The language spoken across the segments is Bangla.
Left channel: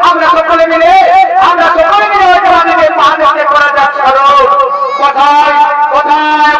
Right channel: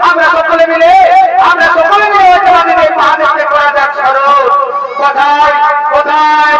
আমরা সকলে মিলে মহাদেবকে করা যাক স্মরণ। কোথায় কোথায়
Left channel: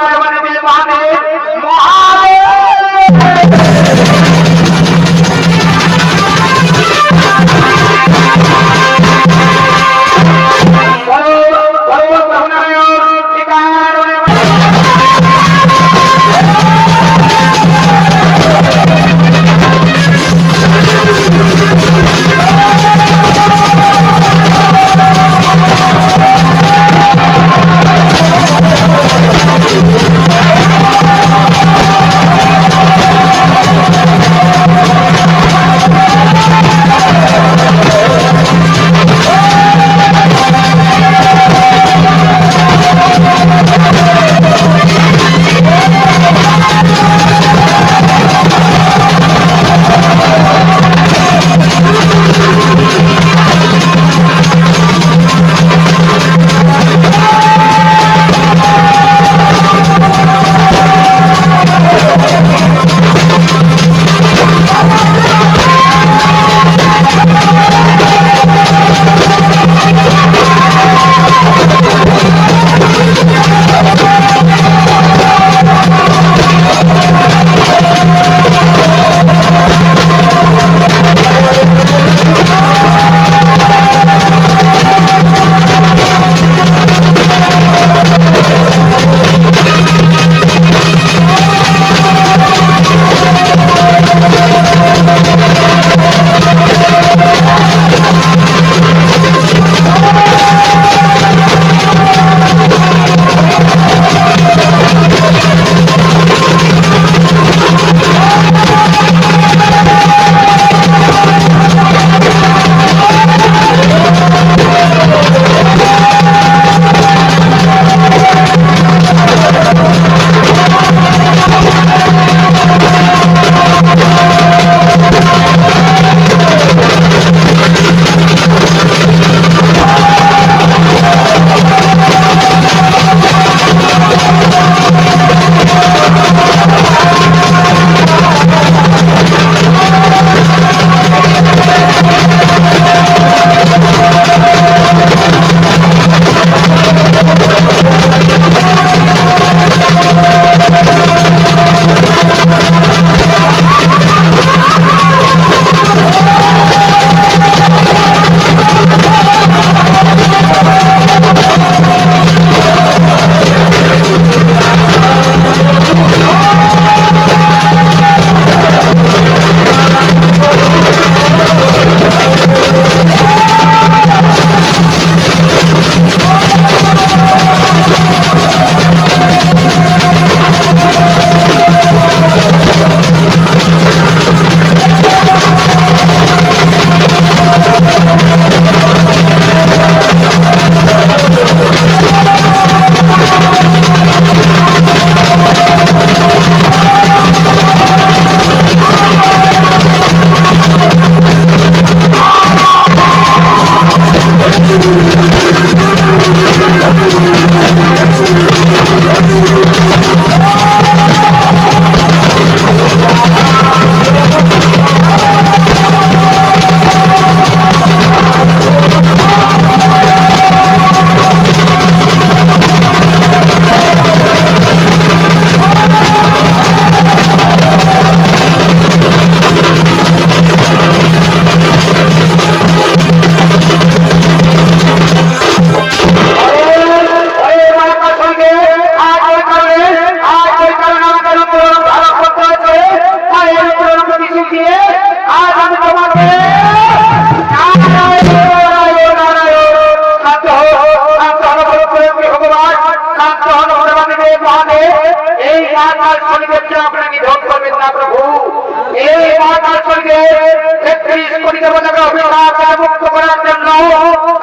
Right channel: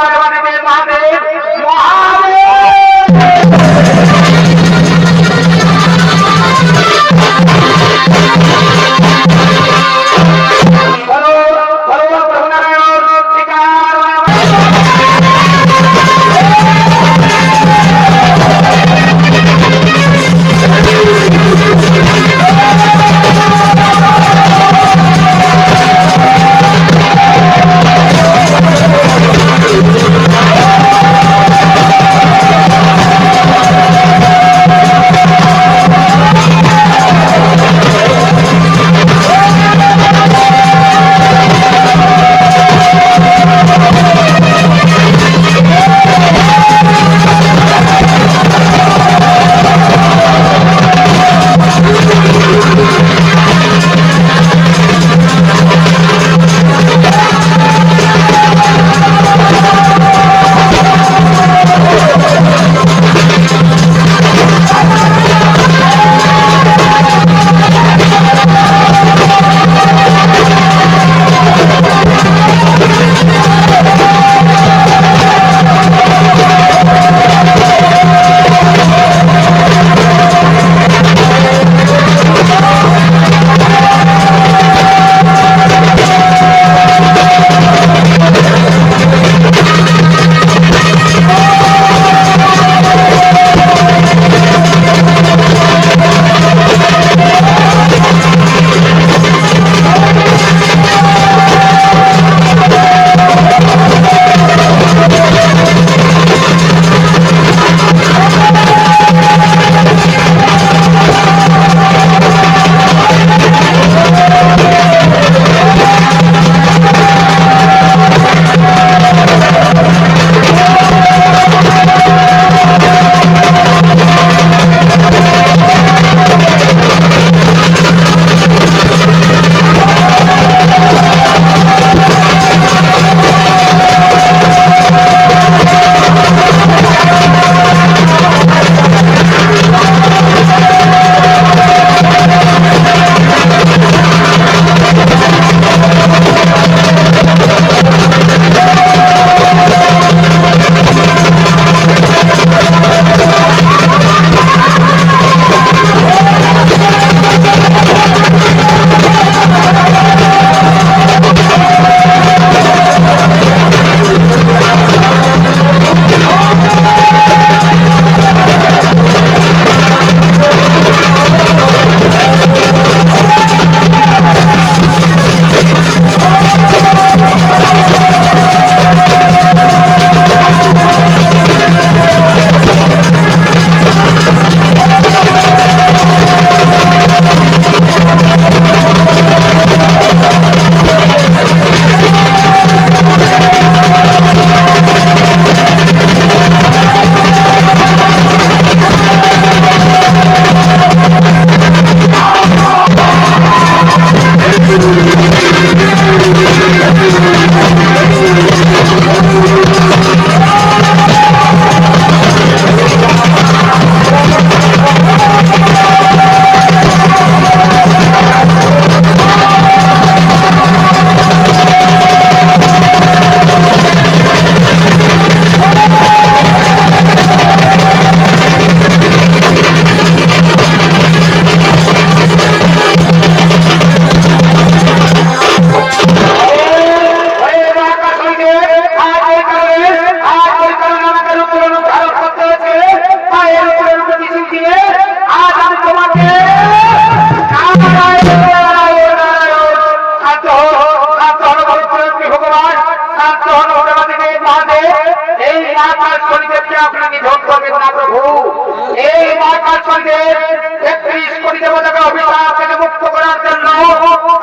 মহাদেব মুক্ত করার জন্য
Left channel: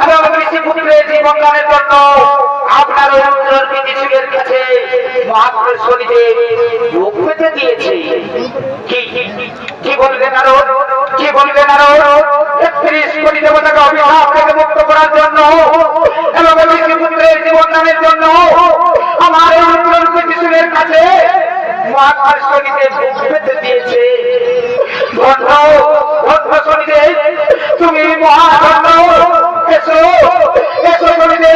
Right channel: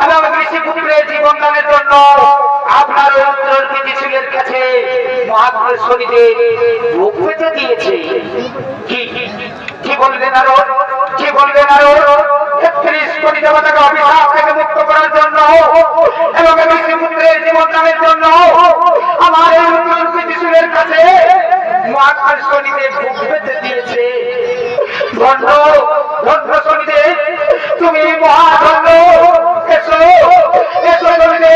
এবং ঋষিপুত্রের জীবন দানের জন্য আপনার ঋষিদের কাছে মহাপুরুষ শরীরে যোগ পেতে দিয়েছে। কি বললেন আরো, কি বললেন আরো? ৩১ কোটি দেবতাকে অভিশাপ থেকে মুক্ত করার জন্য এবং ঋষিপুত্রের জীবন দানের জন্য আমার ঋষিদের কাছে মহাপুরুষ শরীরে যোগ পেতে দিয়েছে। ধন্য ধন্য শরীরে তুমি মহাধন্য। এসো এসো শরীরে,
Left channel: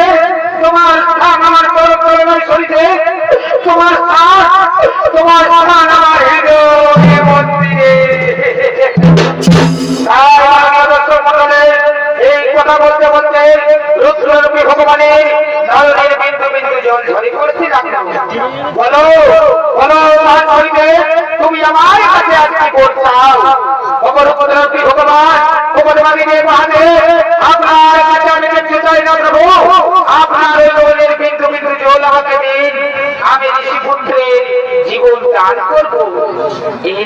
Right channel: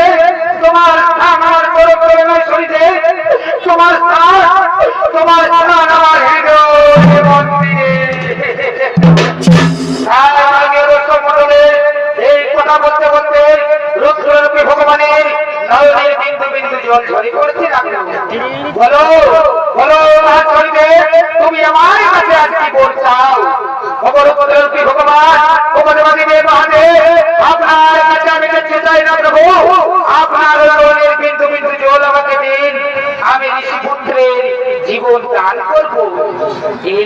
তোমার স্থান আমার তরফ শরীরে, তোমার স্থান আমার হৃদয় মন্দিরে। এই কথা বলতে বলতে রুদ্ররূপী ভগবানের নয়নের বিন্দু বিন্দু জল ঝরে পড়তে লাগলো। বলো বলো শরীরে, তুমি আমার কাছে আর কি করছাও? রুদ্ররূপী ভগবান ভগবানের মহাদেব, আপনার কাছে আমি যেতে চাই না প্রভু। আপনার নয়নের বিন্দু বিন্দু জল আমাকে দিন, আমি ঋষি পুত্রের জীবন দান করবো। এই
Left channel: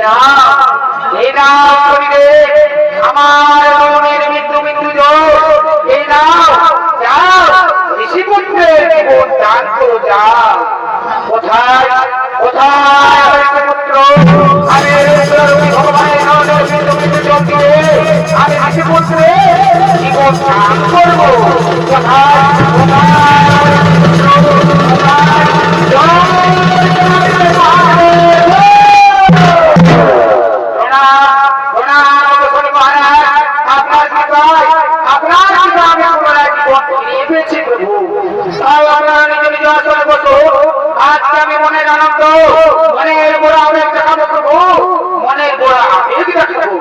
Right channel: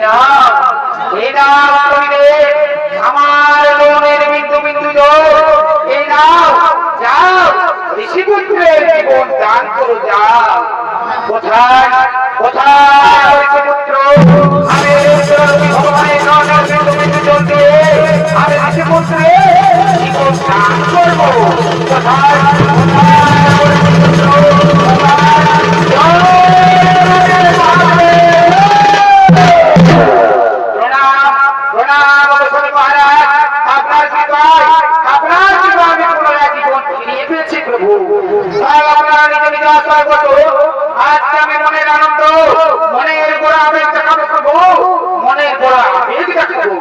না শরীরে আমার মনের বিন্দু বিন্দু জল, এই নাও, যাও ঋষিপুত্রের জীবন দান করো, যাও। কোথায় কোথায় ঋষিপুত্র? আমি ভগবানের নয়নের বিন্দু বিন্দু জল দিয়ে আমি ঋষিপুত্রের জীবন দান করবো। কোথায় কোথায় আজকে আমি মনের আনন্দ, মনের গোড়া আবেগ দেখাবো প্রভু, মনের গোড়া আবেগ দেখাবো।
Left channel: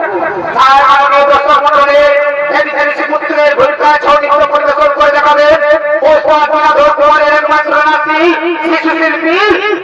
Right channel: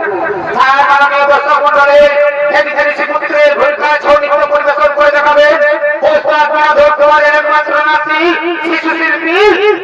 তাই মাননীয় দর্শক মন্ডলে ঋষিপুত্রের ভূমিকা ছৌ নৃত্য পরিবেশন করে দেখাবেন একমাত্র নাতি শিশু শিল্পী